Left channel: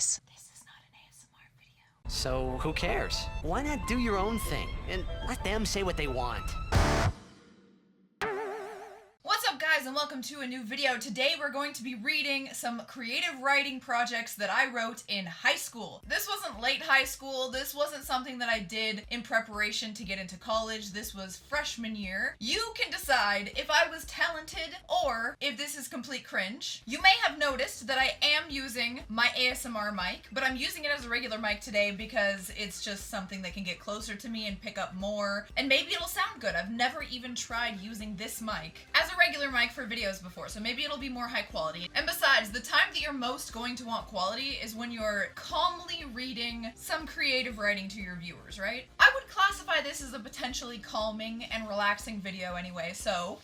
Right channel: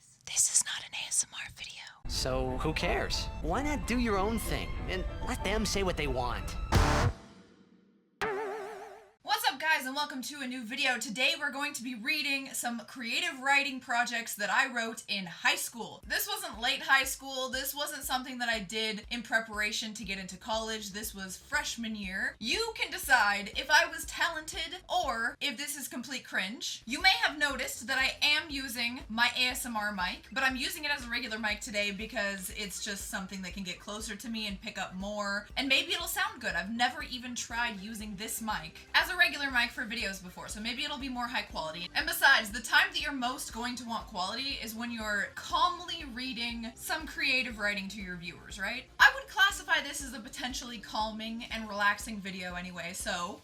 guys, this is not an ASMR video. So who cares? Why not do your own thing and let them say what they want? What's up guys, and welcome to a new video. Today we're going to be reading some creative writing projects that I wrote in high school. This wasn't late high school, this wasn't something that I did in preparation to get into college, this was freshman year. You can decide if I was talented or if this is complete cringe. You may have noticed that I am using my ASMR mic, but I'm using it as a regular mic today because it's just something that can get closer to me and pick up more, and maybe it'll sound good. I've never even tried using this mic as a regular mic for videos before, so maybe it'll be more high quality. And besides, the time that you're most going to want quality is when you're calmly reading some creative writing to your viewers, right? I would classify this as a potentially calming and relaxing video anyway, so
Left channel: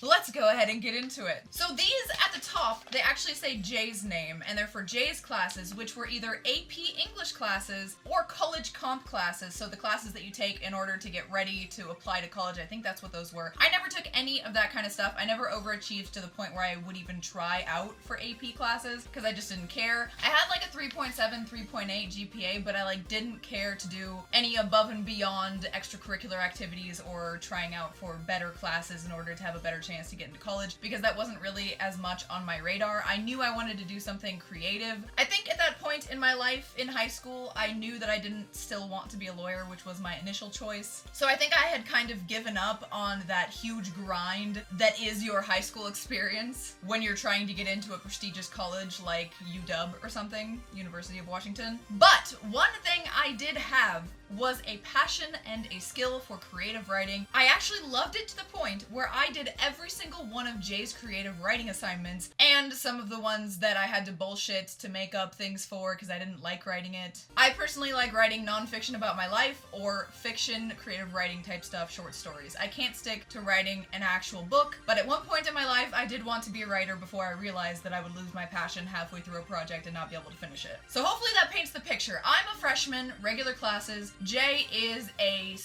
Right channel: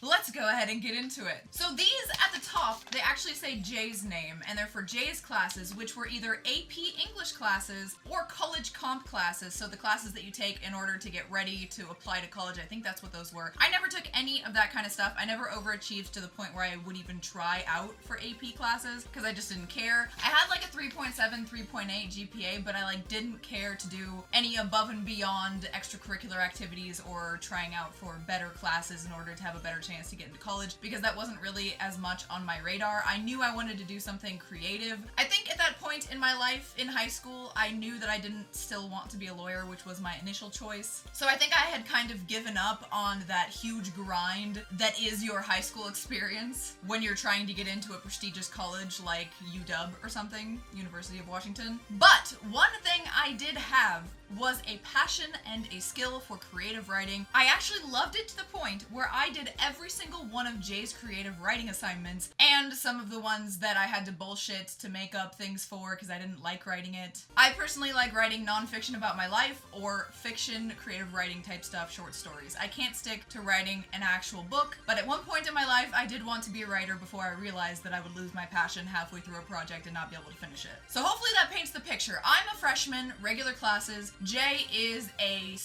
let's go ahead and get into it. So these at the top, they actually say Jay's name, and they're for Jay's classes, which were either AP English classes or college comp classes. So the classes that you take in order to get ready to apply to college. I think that's what those were. I never took any of that kind of stuff. I never overachieved to the point where I would even try out for AP classes because I just didn't care. I had like a 3.7, 3.8 GPA, but I didn't care to do any above and beyond extracurricular activities or trying out for better classes in order to have a better chance to get into college, because that wasn't really as much on my radar. I knew I wanted to do something creative. I think at that point in my life in high school, I knew that I didn't still want to be a lawyer, which was my initial choice. So I think I had kind of given up on that huge grind that is your high school experience when you're trying to get into a prestigious college like UW or something, University of Washington. But one thing I did have was a passion and a skill for creative writing. I actually loved it to the point where I did every single one of Jay's creative writing assignments, and some of the ones that I had to bullshit to make up things for because I didn't like writing it. I personally like writing nonfiction about my life or fiction, creative writing type stuff, short stories. I can't stick to writing an actual book, but at one point in my life I did want to be a writer before I realized that I would lose my passion halfway through a project and not be able to finish it. So hopefully that paints the picture. I'm a freshman, regular classes. Jay is a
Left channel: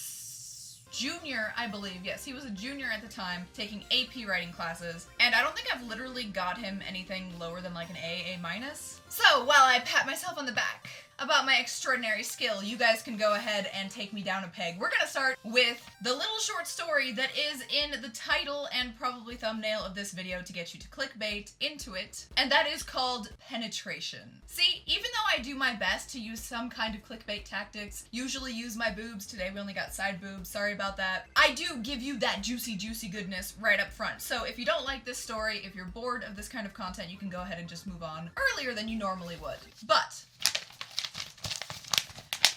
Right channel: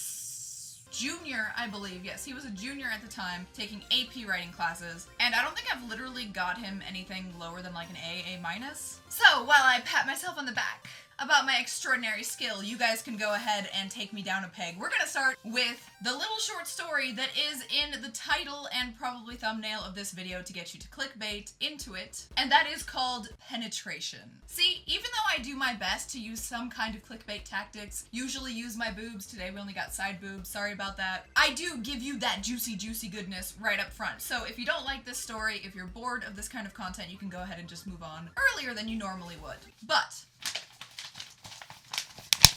junior, I believe. Yes, he was a junior at the time, taking AP writing classes, and I don't think I've literally got him anything lower than like an A minus. So while I pat myself on the back about my extraordinary skill, you guys can go ahead and take me down a peg. We're gonna start with the little short story that is in the title and probably thumbnail of this video to get you to clickbait into it, and that is called Penetration. See, even though I do my best to use some kind of clickbait tactics, usually use my boobs, today we only got side boobs, sorry about that, I do give you that juicy goodness right up front. So if you don't like this story, if you're bored of this kind of content, you can go ahead and just move on earlier than you normally would. But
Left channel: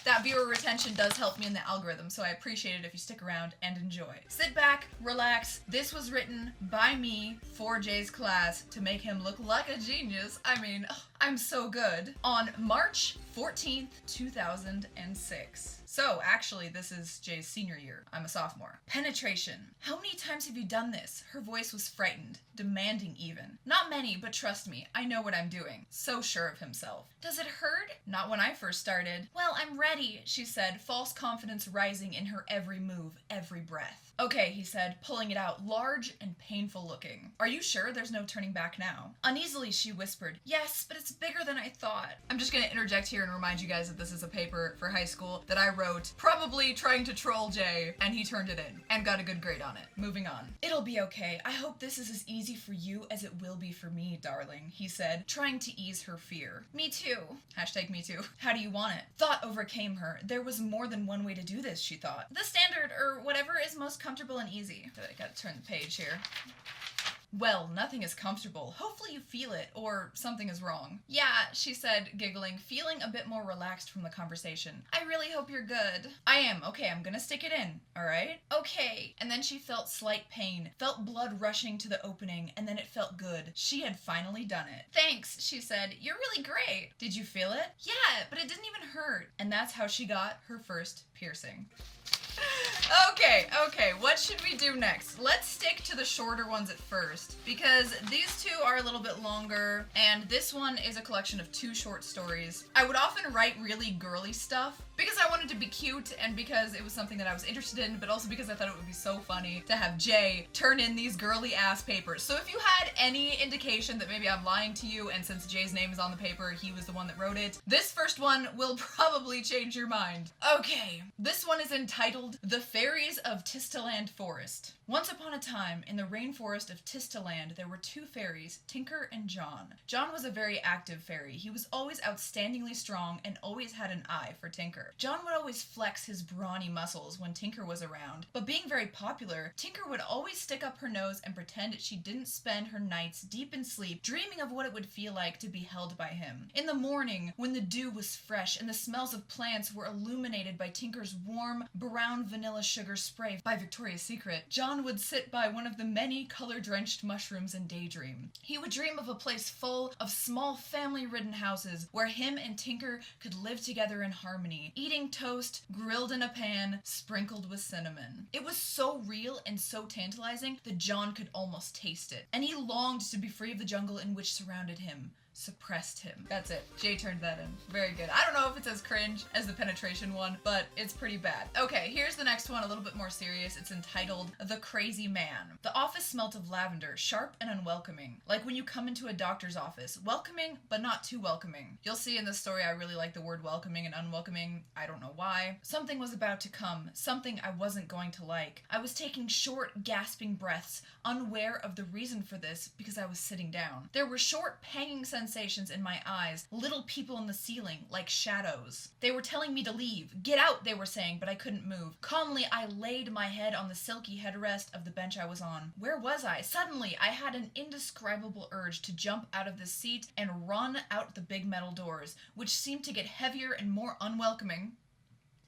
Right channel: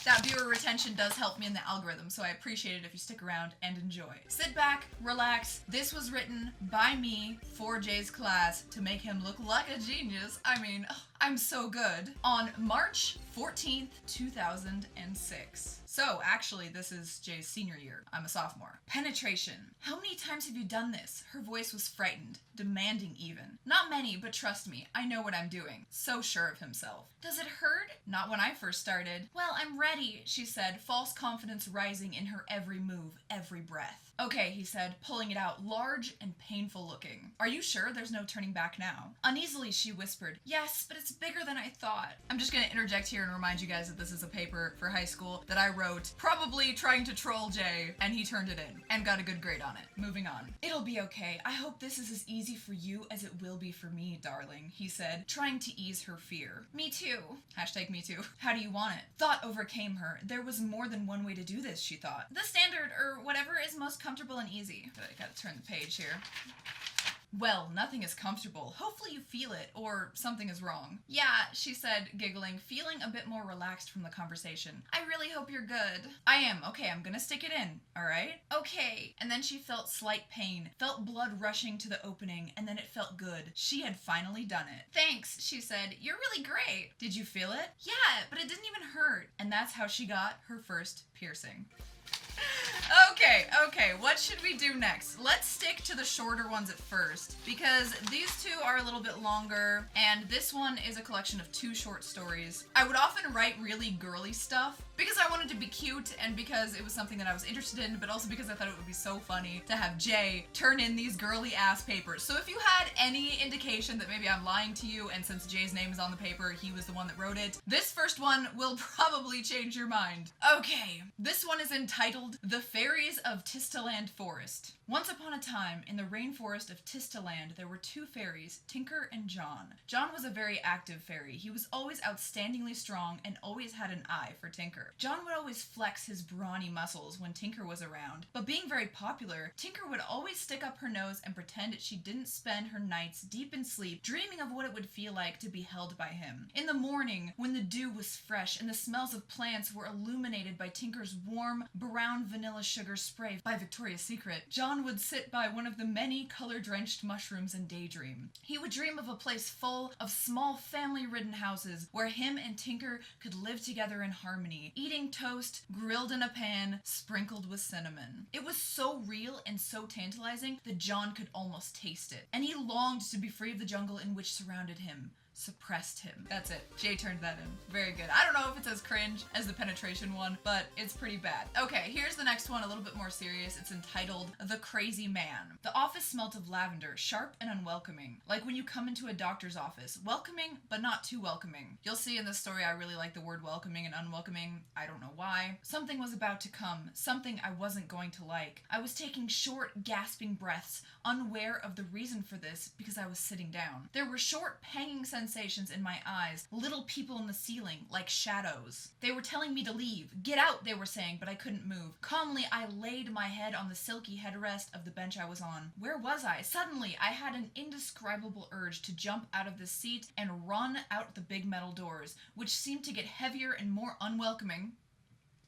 that viewer retention does help me in the algorithm, so I appreciate it if you stick around and enjoy. Sit back, relax. This was written by me for Jay's class to make him look like a genius. I mean, I'm so good. On March 14th, 2006. So actually, this is Jay's senior year. I'm a sophomore. Penetration. How many times have you done this? Her voice was frightened, demanding even. Not many, but trust me, I know what I'm doing. So sure of himself. Does it hurt? Not when I first started. Well, I'm ready, she said, false confidence rising in her every move, every breath. Okay, he said, pulling it out, large and painful looking. Are you sure there's no turning back now? Uneasily, she whispered, yes, but it's bigger than I thought. I'm just gonna interject here and remind you guys that this is a paper for high school that I wrote, probably trying to troll Jay, and he turned it in and got a good grade on it. Moving on. It'll be okay. I hope this is as easy for you as it will be for me, darling, he said, trying to ease her fear. Me too. Hashtag me too. How do you want it? Thought overcame her. There was more than one way to do this, she thought. The standard, or whatever is most comfortable and easy. I gotta turn the page here. Well, nothing is comfortable. Hopefully you feel it, or something is wrong. Yeah, she said, giggling, feeling a bit more relaxed from the conversation. I really hope you're good. I am. Okay, I'm gonna stick it in, alright? Okay. And then she felt slight pain, felt blood rushing to the opening, and then it felt good. She had finally done it. Thanks, she said. You're really great. Did you feel it? Yeah, but it didn't even hurt. And that's how she got her first piercing. Okay, what should we do next? Let's stick to the shorter ones at first, because these two are a little bit longer, and this one is a collection of 2 short stories. I would often write really girly stuff, because I wanted to be cute, and because it was something that I was interested in, but also because I thought it would be so funny to have Jay turn in these girly ass papers. So if you had any indication that maybe I'm lying to you, and since Jay's name is on the paper, he was the one that wrote it, this first one will probably change your mind. Okay, this one is entitled The Fairies of Tistaland Forest. Once upon a time, in the rainforest of Tistaland, there were 2 fairies, Tinker and John. John was a very active fairy. He was always outstandingly strong and always had an eye for Tinker. John would always flex his brawny muscles when Tinker was around, but being very popular, Tinker would always stick up her nose and pretend she didn't spend her nights deep in sleep, dreaming of what it would feel like to be held by him. In the morning, when the dew was fresh and the smells of plants were illuminated by Tinker's warm, brown vanilla sugar spray by Victoria's Secret, John would sit by one of the many color-drenched mushrooms and daydream. He would dream of a place full of small family-ridden houses where him and Tinker could live together in harmony, eating toast grilled in a pan, sprinkled with cinnamon. It was so real and so tantalizing that John could almost taste it, and he longed to be free of the jungle in which surrounded him. Suppressed him. That's it. Jay turned that in. Very good. I don't know if it's as cringe as the penetration one, but it's pretty bad. Okay, here's the next one, a little bit more serious. It's entitled The Crazy Man. The office smelt of lavender, sharp and unwelcoming. Like when you come into a doctor's office. Welcoming, but not too welcoming. You'll see in this story I really like the word welcoming and unwelcoming. I don't know why. Something was about to come. Something I wasn't going to like. I was taking short, gasping breaths, unaware of the reason for this because I was sitting down. There were short, panging sensations in my eyes, little people in the ceiling, like shadows. They were telling me to leave. Get out, they were saying, but I couldn't move. Calmly, I laid my head on the silky headrest of the bench I was on. Where was I? Suddenly, I had an indescribable urge to jump out of the seat and run out the big metal doors, which seemed to get heavier and more unwelcoming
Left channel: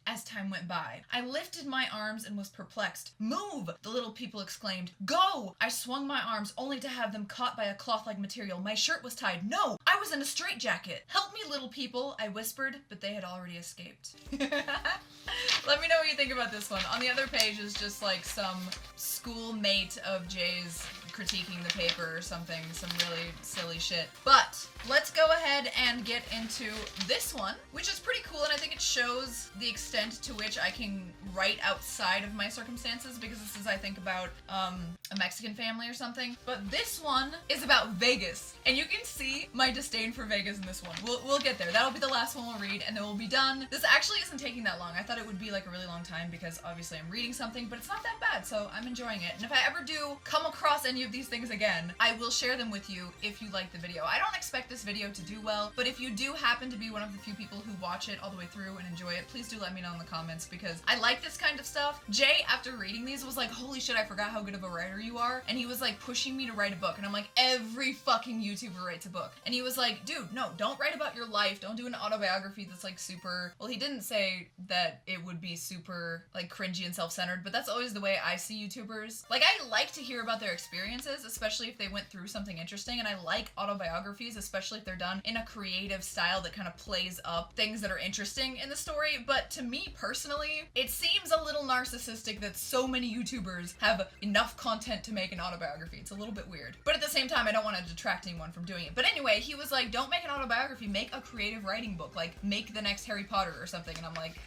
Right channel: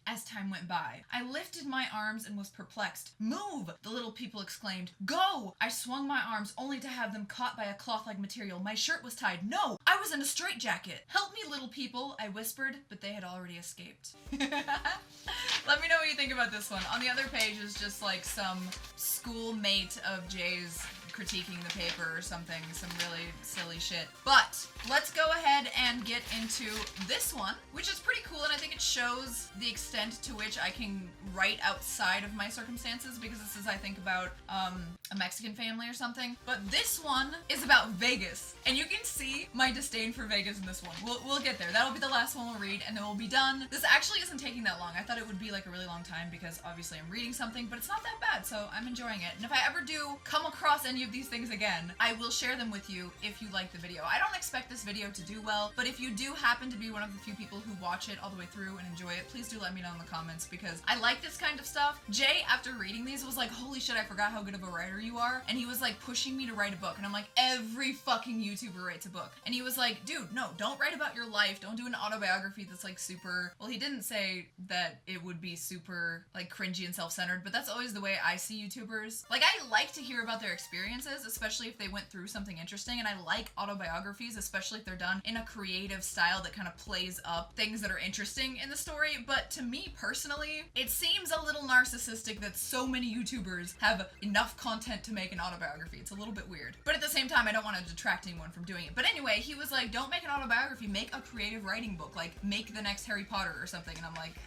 as time went by. I lifted my arms and was perplexed. Move! The little people exclaimed. Go! I swung my arms only to have them caught by a cloth-like material. My shirt was tied. No! I was in a straitjacket. Help me, little people, I whispered, but they had already escaped. Let me know what you think about this one. On the other page is just like some schoolmate of Jay's critiquing the paper or something, some really silly shit. But let's go ahead and get into this one, which is pretty cool, and I think it shows the extent to which I can write outside of my circumstances, because this is, I think, about a Mexican family or something. But this one is about Vegas, and you can see my disdain for Vegas in this one. We'll get there. That'll be the last one we'll read, and then we'll be done. This actually isn't taking that long. I thought it would be like a really long time because obviously I'm reading something, but it's not that bad, so I'm enjoying it. And if I ever do come across any of these things again, I will share them with you if you like the video. I don't expect this video to do well, but if you do happen to be one of the few people who watch it all the way through and enjoy it, please do let me know in the comments, because I like this kind of stuff. Jay, after reading these, was like, holy shit, I forgot how good of a writer you are, and he was like pushing me to write a book, and I'm like, every fucking YouTuber writes a book. And he was like, dude, no, don't write about your life, don't do an autobiography that's like super, well, he didn't say that it would be super like cringy and self-centered, but that's always the way I see YouTubers. Like, I like to hear about their experiences, especially if they went through something interesting, and I like autobiographies, especially if they're done in a creative style that kind of plays up things that are interesting in the story. But to me personally, it seems a little narcissistic that so many YouTubers have enough content to make an autobiography. It's a little bit weird, but at the same time, I don't want to detract anyone from doing it. But anyway, he was like, don't make an autobiography, make a creative writing book, like make the next Harry Potter or something. And I'm like,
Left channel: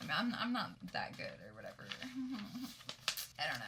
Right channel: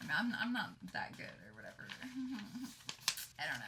I'm not that good or whatever. I don't know.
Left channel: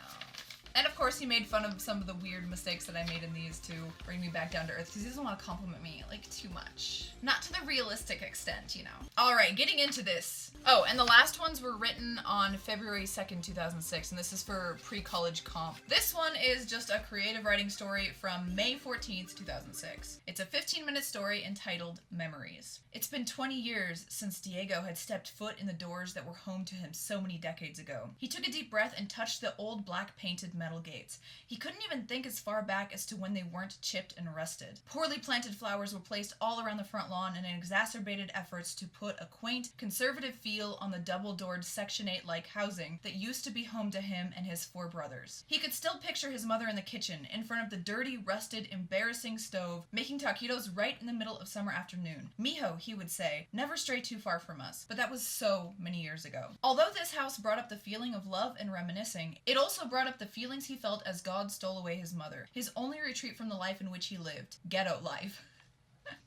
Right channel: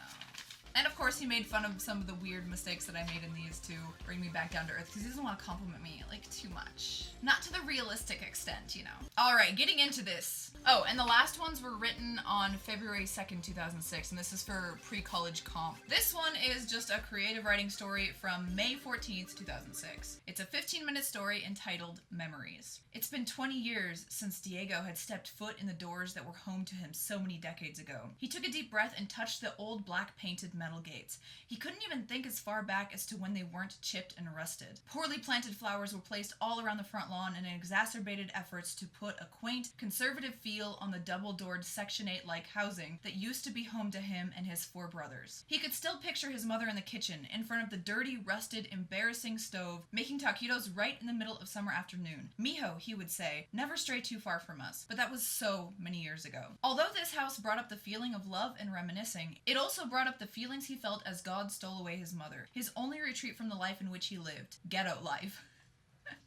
And of course, he made fun of some of the weird mistakes that I made in these to bring me back down to earth, because he doesn't want to compliment me, like, too much. Not to the realistic extent, you know. Alright, getting into this. Oh, and the last ones were written on February 2nd, 2006, and this is for pre-college comp. This one is just a creative writing story from May 14th, 2006. It's a 15-minute story entitled Memories. It's been 20 years since Diego had stepped foot in the doors that were home to him so many decades ago. He took a deep breath and touched the old black painted metal metal gates. He couldn't even think as far back as to when they weren't chipped and rusted. Poorly planted flowers were placed all around the front lawn in exacerbated efforts to put a quaint, conservative feel on the double-doored Section 8-like housing that used to be home to him and his 4 brothers. He could still picture his mother in the kitchen, in front of the dirty, rusted, embarrassing stove, making taquitos right in the middle of summer afternoon. Mijo, he would say, never stray too far from us, but that was so many years ago. Although this house brought up the feeling of love and reminiscing, it also brought up the feelings he felt as God stole away his mother, his only retreat from the life in which he lived. Ghetto life.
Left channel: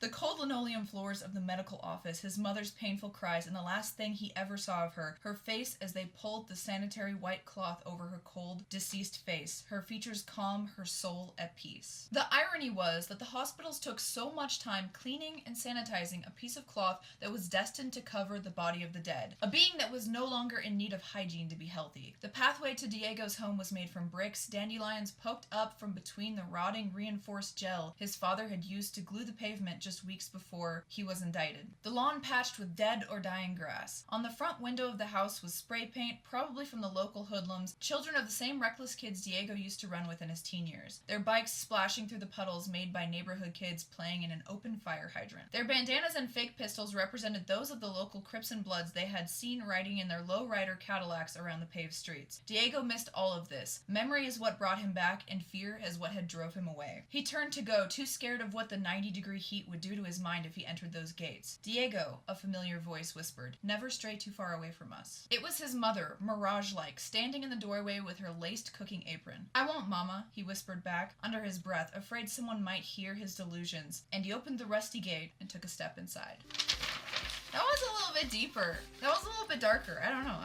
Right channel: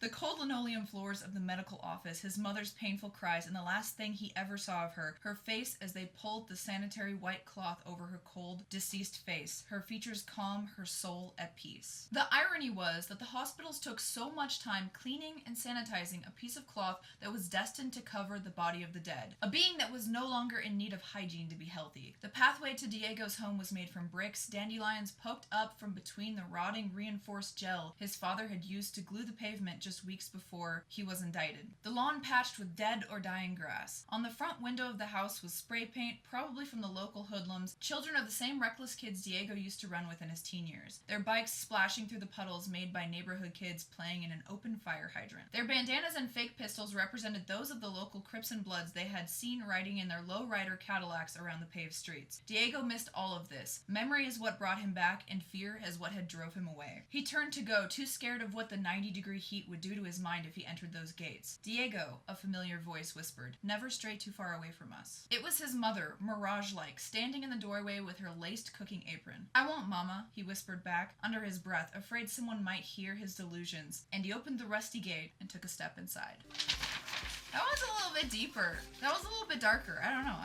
The cold linoleum floors of the medical office, his mother's painful cries, and the last thing he ever saw of her, her face as they pulled the sanitary white cloth over her cold, deceased face, her features calm, her soul at peace. The irony was that the hospitals took so much time cleaning and sanitizing a piece of cloth that was destined to cover the body of the dead, a being that was no longer in need of hygiene to be healthy. The pathway to Diego's home was made from bricks, dandelions poked up from between the rotting reinforced gel his father had used to glue the pavement just weeks before he was indicted. The lawn patched with dead or dying grass. On the front window of the house was spray paint, probably from the local hoodlums, children of the same reckless kids Diego used to run with in his teen years, their bikes splashing through the puddles made by neighborhood kids playing in an open fire hydrant. Their bandanas and fake pistols represented those of the local Crips and Bloods they had seen riding in their lowrider Cadillacs around the paved streets. Diego missed all of this. Memory is what brought him back, and fear is what had drove him away. He turned to go, too scared of what the 90-degree heat would do to his mind if he entered those gates. Diego, a familiar voice whispered, never stray too far away from us. It was his mother, mirage-like, standing in the doorway with her laced cooking apron. I won't, Mama, he whispered back, under his breath, afraid someone might hear his delusions, and he opened the rusty gate and took a step inside. That was a little bit deeper. That was a little bit darker. I don't know.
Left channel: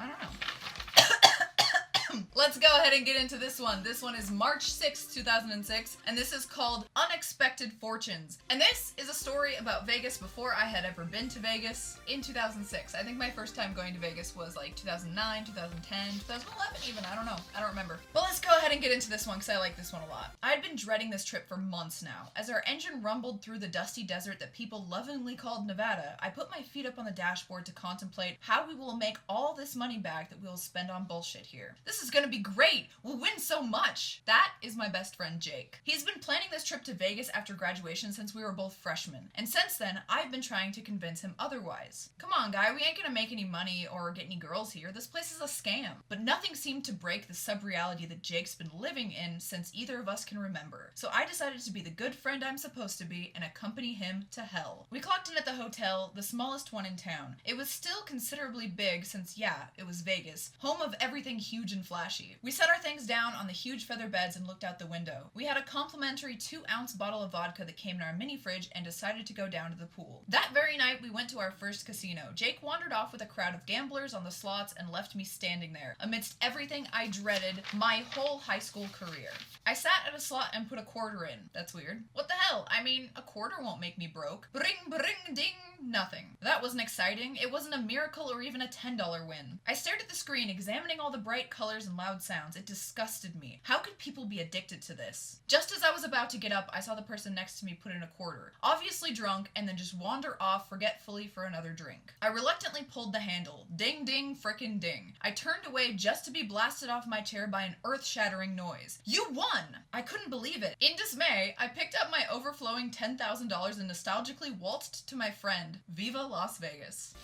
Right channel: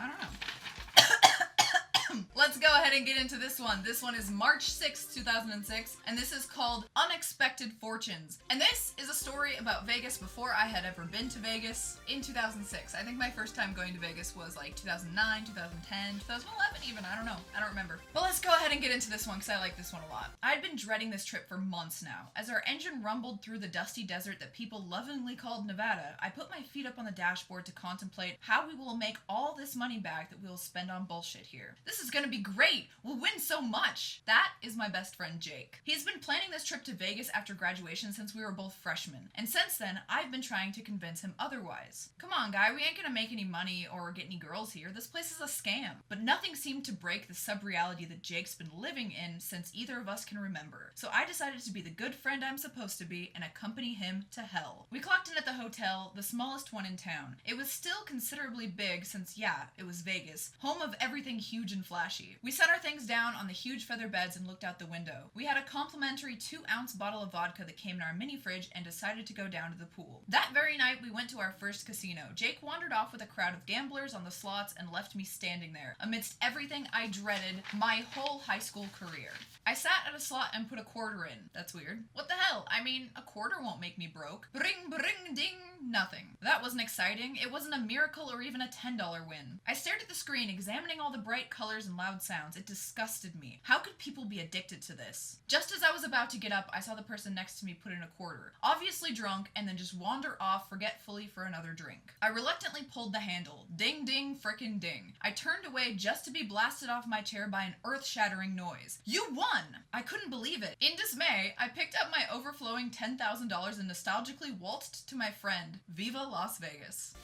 Let's go ahead and get into this one. This one is March 6, 2006, and this is called Unexpected Fortunes. And this is a story about Vegas before I had ever been to Vegas in 2006. I think my first time going to Vegas was like 2009, 2010, 2011 even. I don't know. I don't remember. But let's go ahead and get into this one because I like this one a lot. I had been dreading this trip for months now. As our engine rumbled through the dusty desert that people lovingly called Nevada, I put my feet up on the dashboard to contemplate how we will make all this money back that we will spend on bullshit here. This is gonna be great. We'll win so much. That is my best friend Jake. He's been planning this trip to Vegas after graduation since we were both freshmen, and since then I've been trying to convince him otherwise. Come on, guy, we ain't gonna make any money or get any girls here. This place is a scam. But nothing seemed to break the sub-reality that Jake's been living in since either of us can remember. So I decided to be the good friend I'm supposed to be and accompany him to hell. We clocked in at the hotel, the smallest one in town. It was still considerably big since, yeah, it was Vegas, home of everything huge and flashy. We set our things down on the huge feather beds and looked out the window. We had a complimentary 2-ounce bottle of vodka that came in our mini fridge and decided to go down to the pool. That very night, we went to our first casino. Jake wandered off with a crowd of gamblers on the slots and left me standing there, amidst everything I dreaded my whole high school career. I sat at a slot and put a quarter in. That's weird. What the hell? I mean, a quarter won't make me broke. Bring, bring, ding, nothing. That wasn't exciting. It wasn't a miracle or even a $10 win. I stared at the screen, examining all the bright colors and loud sounds. It disgusted me. How could people be addicted to this? Just as I was about to get up, I saw the person next to me put in a quarter, obviously drunk, and then just wander off forgetfully for another drink. I reluctantly pulled the handle. Ding, ding, frickin' ding. I turned away just to be blasted off my chair by an earth-shattering noise. You won! I couldn't believe it. In dismay, I picked up my overflowing $10,000 and nostalgically waltzed to my friend. Viva Las Vegas.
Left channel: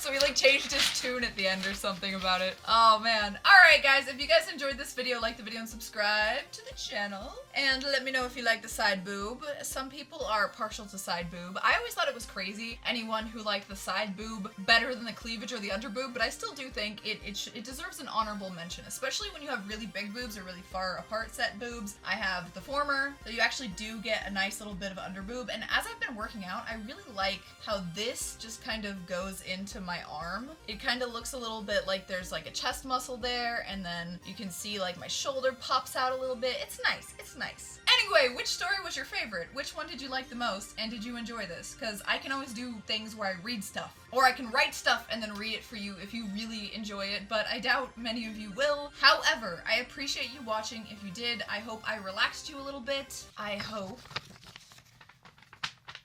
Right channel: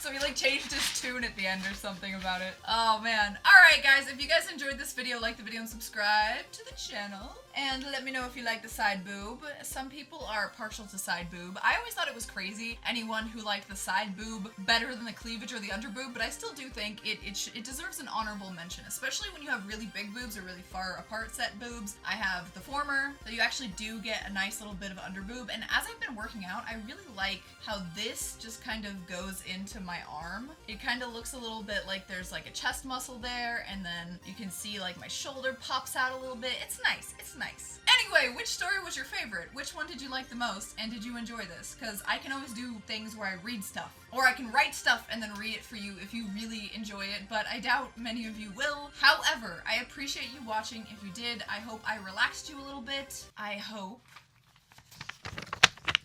So he like changed his tune at the end or something about it. Oh man. Alright guys, if you guys enjoyed this video, like the video and subscribe to the channel. And let me know if you like the side boob. Some people are partial to side boob. I always thought it was crazy, anyone who liked the side boob better than the cleavage or the under boob, but I still do think it deserves an honorable mention, especially when you have really big boobs or really far apart set boobs. I have the former, so you actually do get a nice little bit of under boob, and as I've been working out, I really like how this just kind of goes into my arm. It kind of looks a little bit like there's like a chest muscle there, and then you can see like my shoulder pops out a little bit. It's nice. It's nice. Anyway, which story was your favorite? Which one did you like the most? And did you enjoy this? Because I can always do things where I read stuff. Or I can write stuff and then read it for you if you really enjoy it, but I doubt many of you will. However, I appreciate you watching. If you did, I hope I relaxed you a little bit. I hope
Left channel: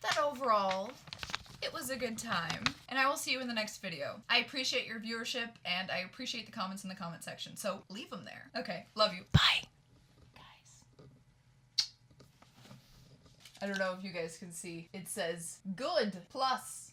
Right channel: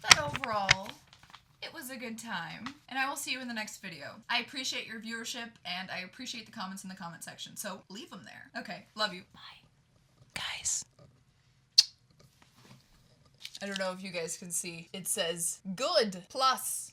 that overall it was a good time, and I will see you in the next video. I appreciate your viewership, and I appreciate the comments in the comment section, so leave them there. Okay, love you. Bye. I don't know if you guys can see. It says good plus